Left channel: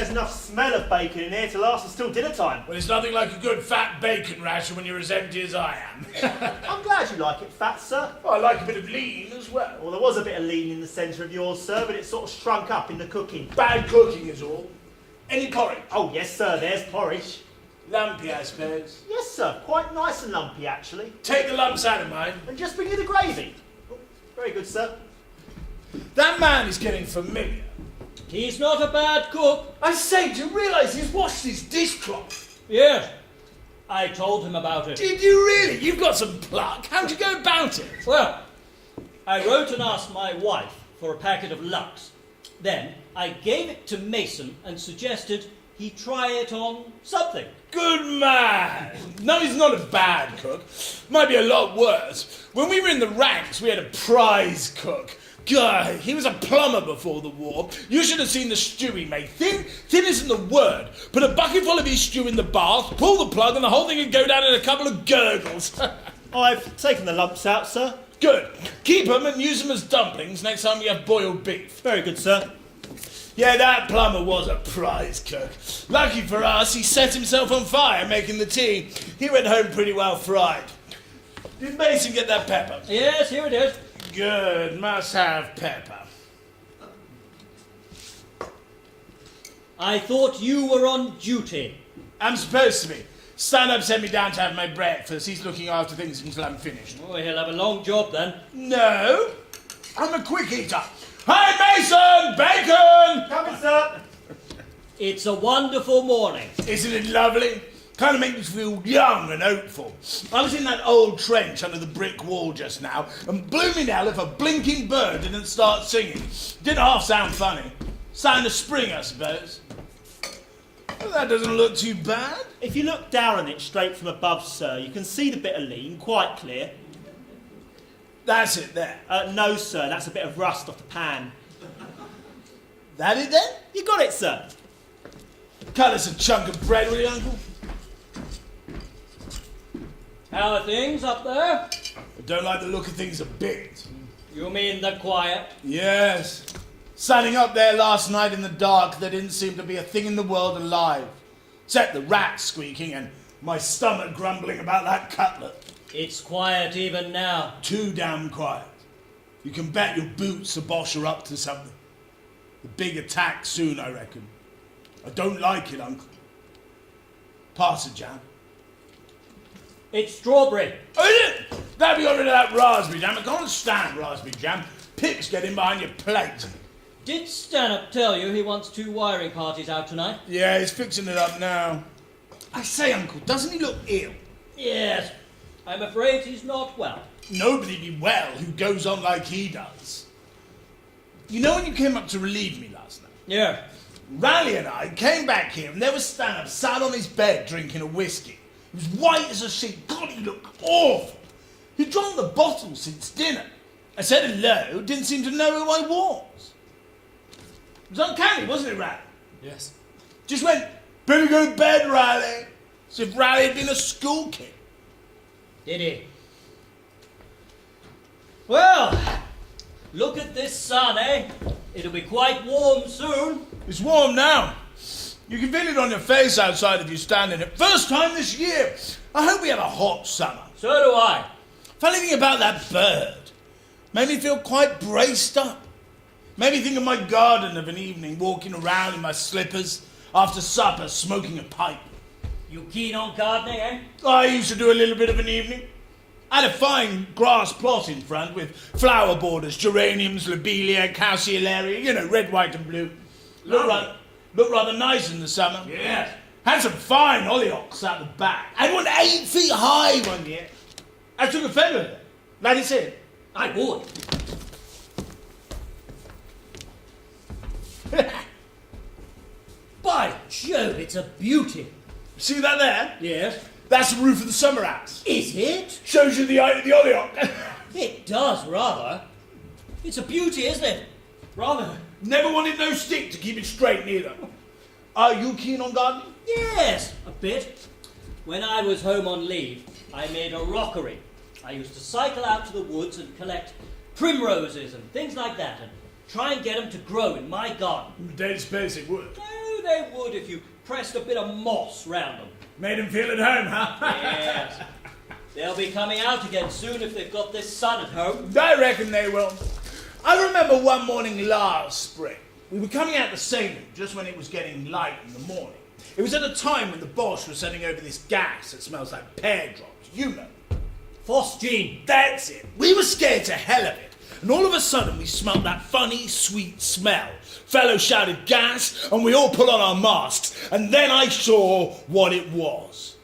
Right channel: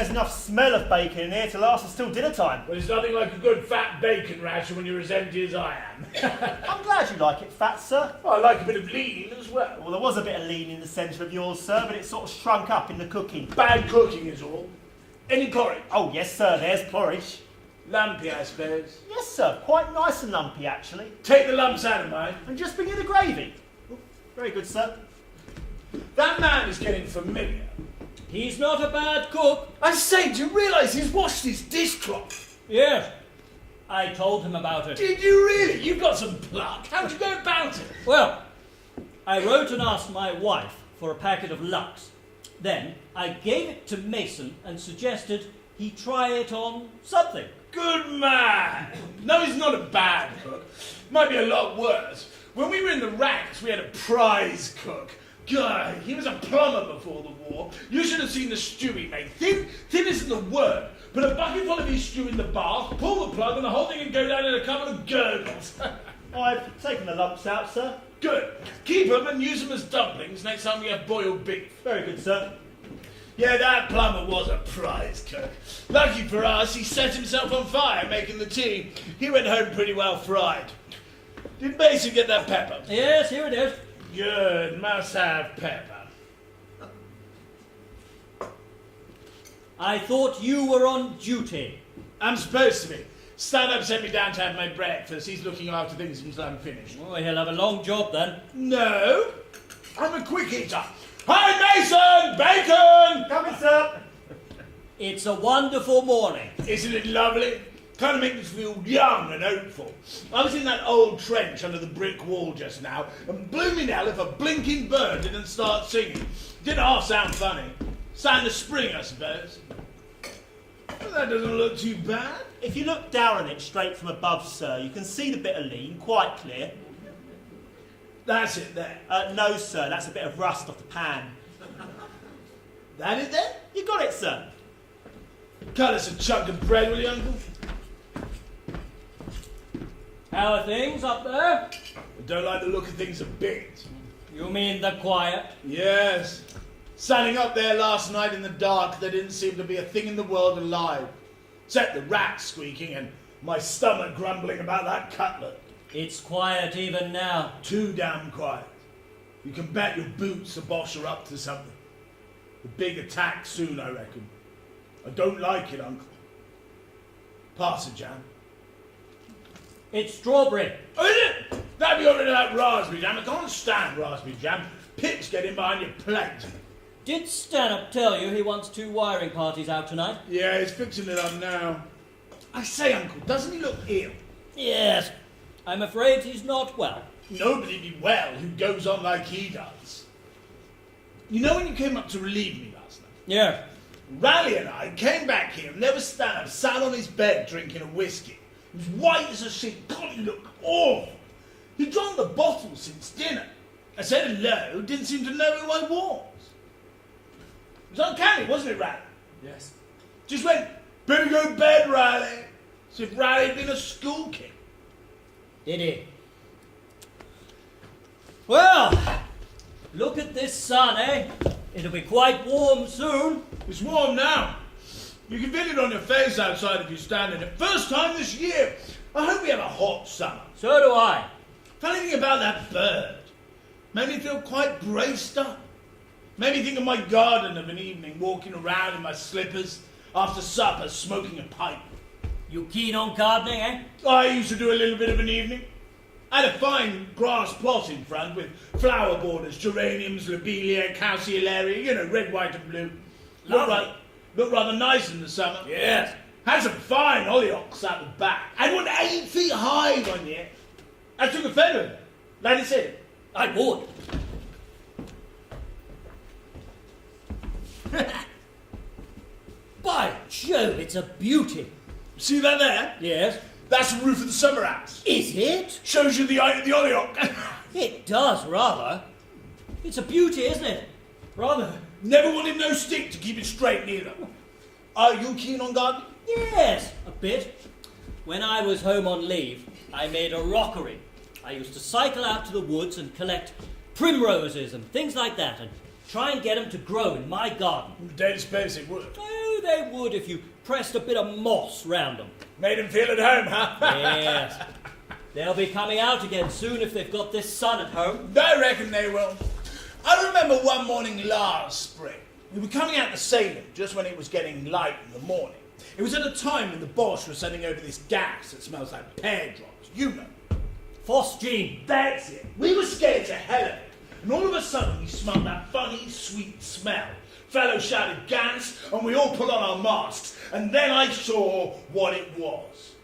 there's enough smell of bacon in here to last us till dinner time. Well, it's nothing like a good fat bacon ration when you're as empty as I am. I'm glad you like it fat, sir. Well, I like a bit of lean as well. Well, there was a bit of lean in the centre of yours, sir, but it sort of shrunk up in the cooking. Bad cooking is all. Any porridge? Oh, yes, sir, there's porridge. Lumpy, I suppose. Yes, sir, quite nice and lumpy, actually. Take the lumps out of mine. And just bring you the gravy. Oh, very good, sir. That man is getting familiar. He's not a bad cook. I say, do you realise he's washed his dishcloth? Yes, I told him about it. Did you really? You've got some pluck. How'd you go about it? Well, I wrote and asked my wife for a packet of Lux. Then I gave it to Mason and suggested he try it on something. Good man. No, he's not a bad cook. Might be a lot worse. When we were in the ranks, we had a prize cook. Guy, he was a plumber before the war. You should have seen the stew he made. Thin isn't the word. Put a bucket full of his stew in the bath, pull the plug, and the whole thing would go down in a couple of gurgles. I've taken the lumps out, sir. Good. Keep them and use them as dumplings next time we have boiled beef. Very good, sir. Yeah, that plumber was a prize cook. Lucky for us, he set himself on fire making the tea. He went home pretty well fried. Did Mason get that pepper? Yes, here it is. Good, must have pepper. I thought you were on duty. I'm supposed to be. Stand-up sent me down to have my breakfast. He's looking after things until I'm finished. Oh, he'll have a long job then. No, I'm a quick eater. Hi, Mason! Bacon! Coming, sir. It's a wonderful morning. Isn't it lovely? Kind of makes me feel young and hopeful. I was in that old trench under the brick wall just now, and blooming hell if a blinking bird didn't start singing. Didn't half sound funny. Sign of spring, I suppose. Well, that doesn't look too bad. If you look down at it straight from above, sir, you can see the bit of lean quite clear. That's it there. No, sir, that's a bit of rust off the pan. That it then? You got it, sir. Cut us a chunk of bread, will you, Uncle? How are things up there? I don't like the look of things a bit. You mean the quiet? Yes. Standing up there last night in the dark, there didn't seem to be a thing in the world alive. Except the rats squeaking and my stomach grumbling about that cutlet. It's quiet even now. Too damn quiet. You can bet your boots the Bosch are up to something. The big attack soon, I reckon. I don't like it, Uncle. Pass it, jam. It's strawberry. Oh, is it? Better be got rid of that raspberry jam. I can't stand raspberry jam. Pigs get in behind your plate. Did Stanhope tell you he wants 2 wiring parties out tonight? Yeah, he's fixing it up now. I say, Uncle, doesn't he look ill? Yes. I'm afraid he's not well. Nobody be well who goes on like he does. You know when you came up to relieve me last night? Yeah. Raleigh and I came back here and there was Stanhope sat on his bed drinking a whiskey. He was white as a sheet. God, he looked awful. He'd drunk the bottle since dinner. I said hello, didn't seem to know who I was. It was uncanny, wasn't it, Raleigh? Yes. Just went, better go to bed, Riley. As if Riley had been a school kid. Did he? Well, look at this sun, eh? It'll be quite warm soon. It's warm now. You can feel it on your face outside if you stand in it. First time this year. I hope we have a hot summer. So do I. Funny thing about that bird. Made me feel quite braced up. Made me think of my garden of an evening, walking around in my slippers after supper, smoking a pipe. You keen on gardening, eh? I used to do a little bit of an evening. I had a fine grass plot in front with flower borders, geraniums, lobelia, calceolaria, you know, red, white and blue. Looked rather nice in the summer. Yes. Had some fine hollyhocks out the back. I went 8 feet high one year. I took a photo of it. Like he said. I would. By Jove, it's a beauty. See that there? Yes. That's the roof of the summer house. Is it? Shows you the height of the hollyhock. It does, rather. It's a beauty, isn't it? Rather. Never wanted no stick to keep it straight neither. Are you keen on gardening? Yes, a bit. When I was home on leave, I made a rockery. I used to cycle out to the woods and collect primroses and things like that and try and get them to grow in my garden. Don't suppose it would. Oh, they if you pressed a bit of moss round them. Made him feel at home, huh? Yes. They'll be coming out again soon if they've got this sun at home. I reckon they will. I remember one morning last spring, we were coming out the sailing just when it was getting light in the morning. It was at a time when the Boche was sending over this gas that smells like pear drops, you know. Phosgene. That's it. We were scared to hell of it. And all of a sudden we smelled that funny, sweet smell. Fellow shouted gas, and we all put on our masks, and then I saw what it was.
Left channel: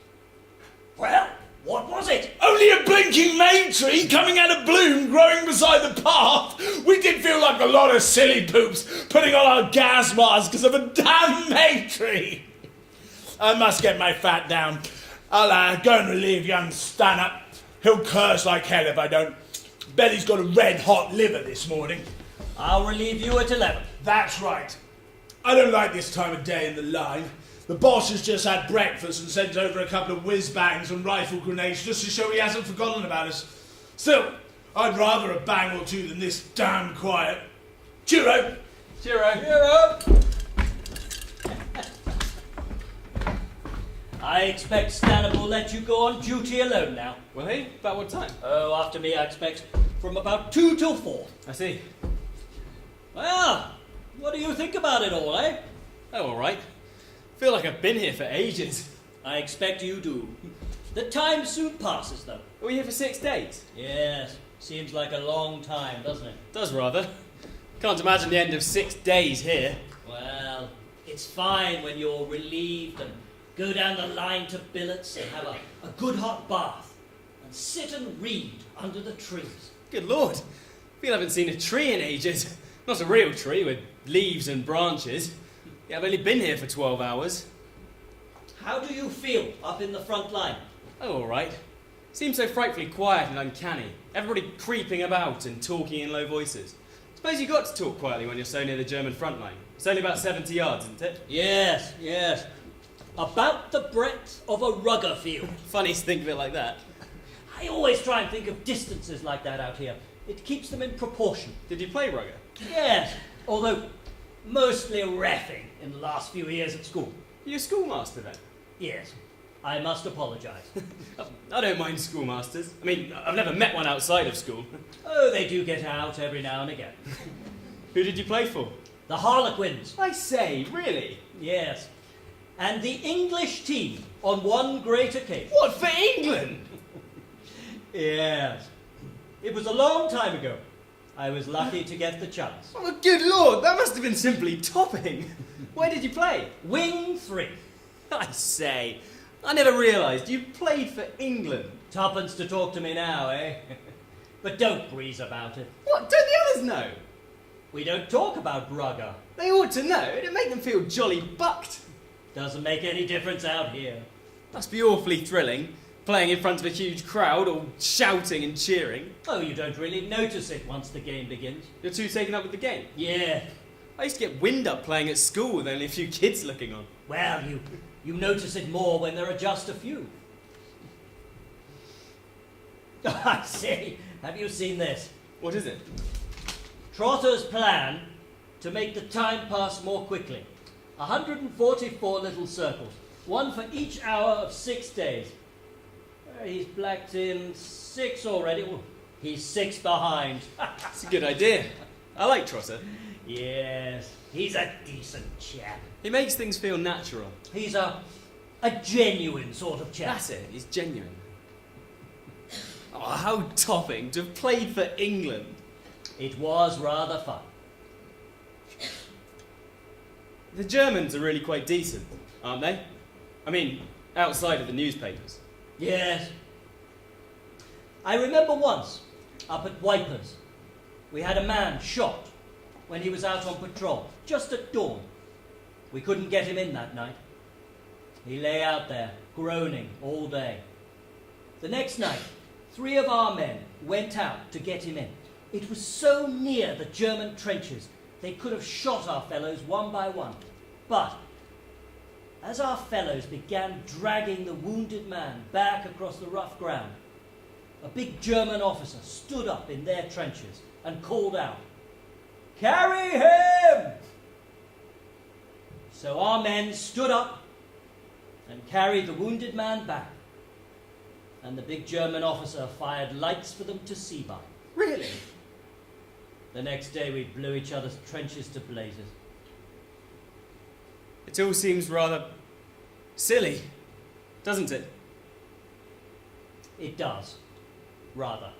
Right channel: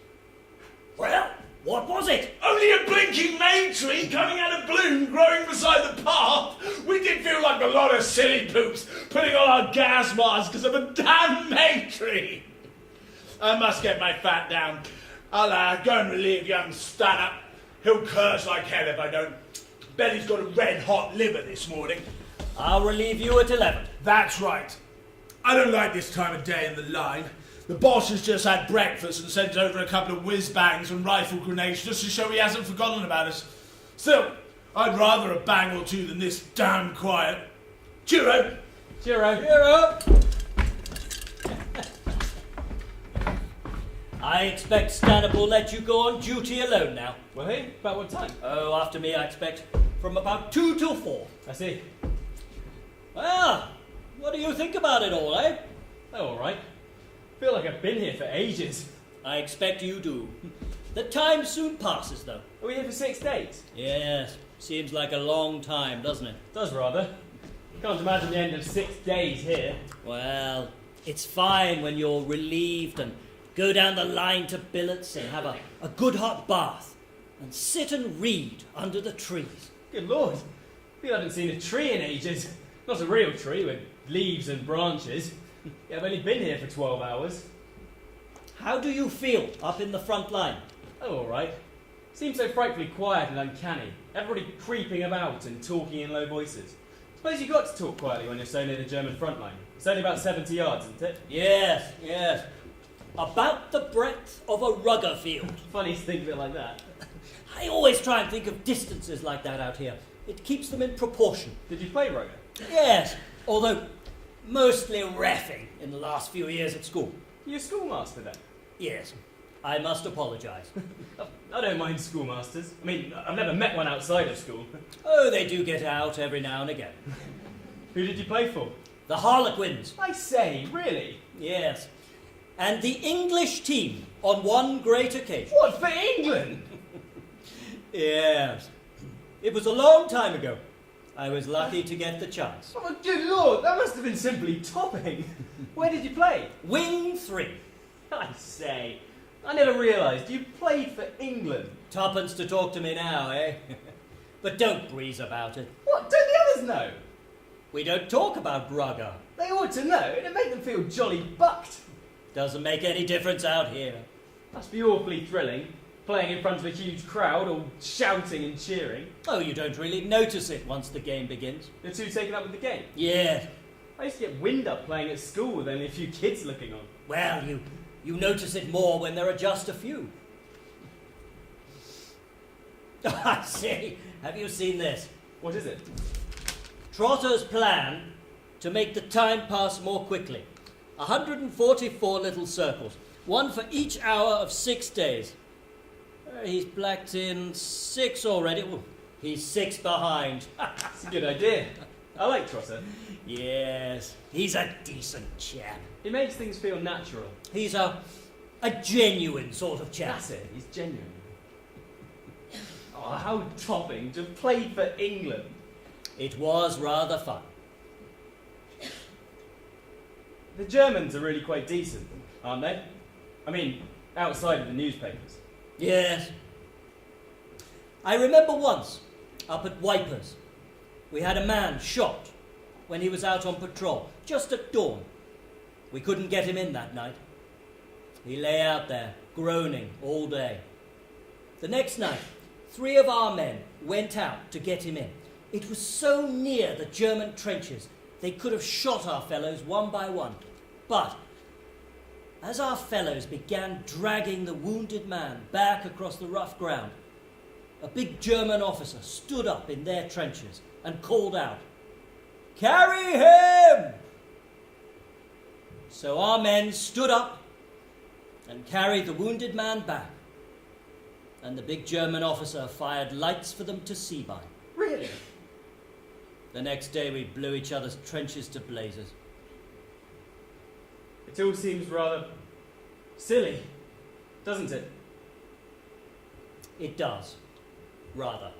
Well, what was it? Only a blinking May tree coming out of bloom growing beside the path. We did feel like a lot of silly poops putting on our gas masks because of a damn May tree. I must get my fat down. I'll go and relieve young Stanhope. He'll curse like hell if I don't. Bet he's got a red-hot liver this morning. I'll relieve you at 11. That's right. I don't like this time of day in the line. The boss has just had breakfast and sent over a couple of whiz-bangs and rifle grenades just to show he hasn't forgotten about us. Still, I'd rather a bang or two than this damn quiet. Cheero! Cheero. Cheero. I expect Stanhope will let you go on duty alone now. Well, hey, about what time? Oh, after me, I expect from about 2 till 4. I see. Well, what do you think about it all, eh? Oh, all right. Feel like I've been here for ages. I expect you do. The time soon passes, though. Are we here for 6 days? Yes, seems like a long time, doesn't it? Does rather. Can't imagine the end of 6 days here. Well, it's fine when you're relieved and go down the line to billets and have a good hot bath and sit and read under the trees. Good Lord. Feel I haven't seen a tree in ages. Not a real tree with leaves and branches. Yeah, I've only been here for 12 hours. How do you feel up in the front line? Oh, all right. Seems so frightfully quiet and uncanny. Everybody creeping about and talking in low voices. Suppose you got to talk quietly when you're so near the German front line. It's only about 70 yards, isn't it? Yes, yes. About the breadth of a rugger field. Funny to think of it like that. I always try and think of distances like that out here. It keeps them in proportion. Did you play rugger? Yes, although mostly reffing in the last few years at school. You're a schoolmaster then? Yes, I must apologise. I don't mind schoolmasters. I mean, I've never met one outside of school. Oh, they do get out every now and again. Who did you play for? The Harlequins. I say, really? Yes. And the English team on one great occasion. What, for England? Yes. It was a long time ago. I was lucky to get the chance. Oh, good Lord, that must have been simply topping. Where did you play? Wing 3. I say, I never realised you played for England. Tuppence to talk to me now, eh? But don't breeze about it. What, don't the others know? We don't talk about rugger. They ought to know, it'd make them feel jolly bucked. Doesn't make any difference out here. Must be awfully thrilling, playing in front of a huge crowd, all shouting and cheering. Oh, you don't really notice it once the game begins. You're too taken up with the game. Yeah. I used to get wind up playing at school with only a few kids looking on. Well, you notice it more when there are just a few. I see. Have you seen this? What is it? Trotter's plan to make the time pass more quickly. 144 little circles, one for each hour of 6 days. He's blacked in 6 already. Well, he's 6 behind. It's a good idea. I like Trotter. Yes, he's a decent chap. He makes things feel natural. He's a genuine sort of chap. That's it, he's genuine. Oh, how topping to have played for England. It was rather fun. The Germans are really quite decent, aren't they? I mean, outside of the newspapers. Yes. I remember once, up at Wipers, we had a man shot when he was out on patrol, just at dawn. We couldn't get him in that night. He lay out there, groaning all day. The next night, 3 of our men went out to get him in. It was so near the German trenches, they could have shot our fellows one by one. But as our fellows began dragging the wounded man back across the rough ground, a big German officer stood up in their trenches and called out, "Carry him!" So our men stood up and carried the wounded man back. And the big German officer fired lights for them to see by. Really? The next day we blew each other's trenches to blazes. It all seems rather silly, doesn't it? It does, rather.